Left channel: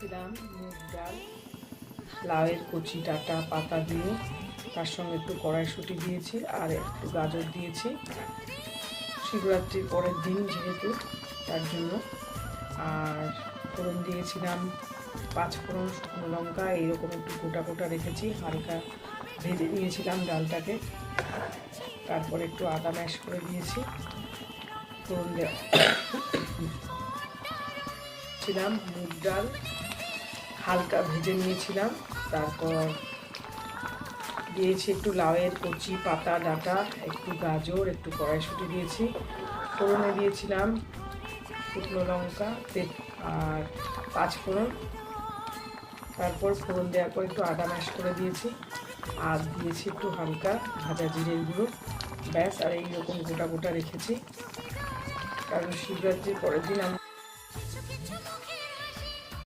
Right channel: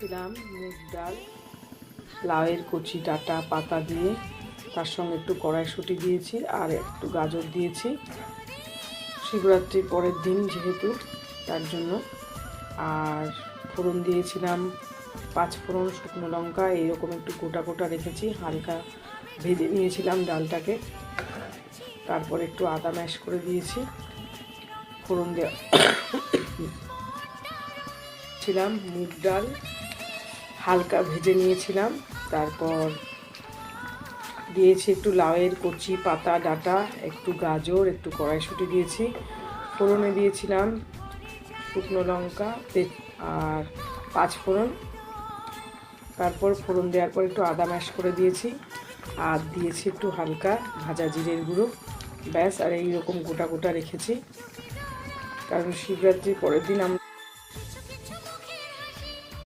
দিলাম মুগ ডাল, লাউয়ের কচি ডাঁটা পাতা দিয়ে, তার সঙ্গে একটু কড়াইশুঁটি দিয়েছি আর একটু গাজর দিয়েছি। শিবরাত্রির পরের দিন যেহেতু, তার জন্য। আর ফোড়ন দিয়েছিলাম 5 ফোড়ন, শুকনো লঙ্কা, এইরকম একটু গোটা গোটা রেখেছি। হালকা ভেজে নিয়েছিলাম ডালটাকে, তারপর একটু আদা ম্যাশ করে দিয়েছি। ফোড়ন দিয়েছিলাম মুগ ডাল, হালকা ভেজে নিয়েছিলাম। তারপর দিয়েছি একটু লাউয়ের কচি পাতা ডাঁটা, একটু গাজর, একটু কড়াইশুঁটি দিয়েছি। ফোড়নে দিয়েছিলাম শুকনো লঙ্কা আর 5 ফোড়ন। তারপর ফোড়ন দেওয়ার পর একটু আদা ম্যাশ করে দিয়েছি আর দিয়েছি একটু হালকা ভাজা জিরের গুঁড়ো। ব্যাস, আর এইরকম গোটা গোটা রেখেছি, কারণ শিবরাত্রির পরের দিন